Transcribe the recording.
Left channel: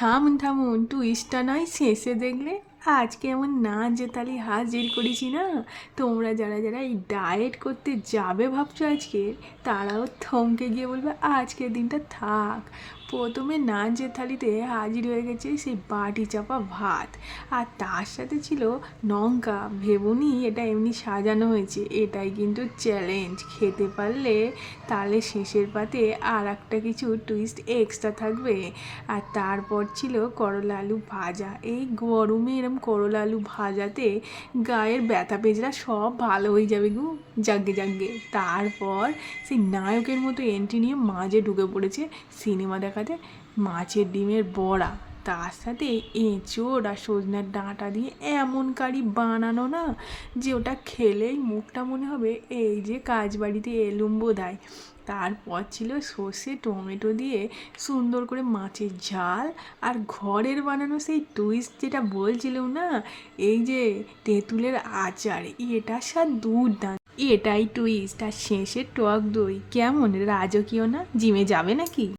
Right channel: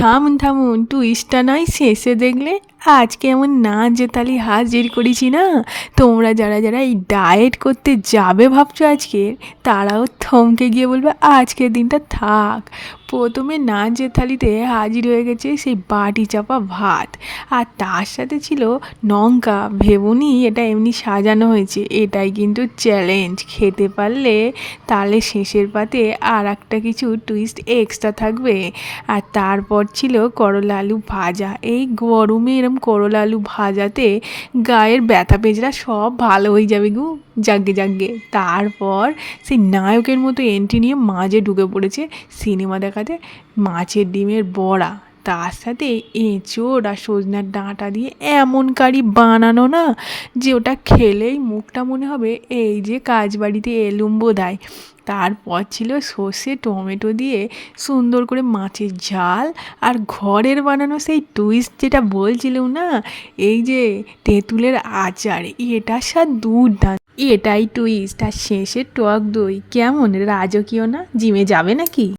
থামুন থামুন, টুইস্টটা নয় শেষে দেখলে। আজকে এমন নাচ জেতালি হাজির করেছি না, তোমরা যারা যারা এই ডায়েট করতে যাবে ভাবছো আজকে, তারাও থমকে গিয়ে বলবে আজকের দিনটা থাক। প্রথমে নাচ জেতালিতে হাজির হয়ে গেছে সেই বাটি চাপা ভাত, আর তার সাথে ছিল লঙ্কা। ভেবুনি এটা এমনি সাজানো হয়েছে, এটাই কিন্তু চ্যালেঞ্জ। খেতে পারলে তাহলে শেষের পাতে আর একটা কিছু টুইস্ট এক্সট্রা থাকবে। আর তারপর ছিল করলা আলু ভাজা। এই গরমে এরম করলা আলু ভাজাতে গায়ের ব্যথা পেঁচড়া সব ভালো হয়ে যাবে গো। যাগ্গে যাগ্গে। তারপর সেই নায়কের মতো এন্ট্রি নিয়ে মাঝে ঢুকে পড়েছে সিনেমা দেখাতে মাছের ডিমের বড়া। তার সাথে এঁচোড় আর সজনার ডাঁটা দিয়ে এমন কারি বানানো না, যে ওটা খেলেই মুখটা মনে হবে এই যে কাজবাড়িতে এলুম বোধহয়। তারপর ছিল সর্ষে টমেটো দিয়ে সুন্দর করে মাছের ঝাল, আর ঘরের বানানো সেই টুইস্ট যেটা বলছিলাম না, এই যে তেঁতুলের আচার, এটার স্বাদ দুর্দান্ত। এটাই টুইস্ট। আর শেষে টক দই, কেমন রাজকীয় না? জিমে যাবে নাকি?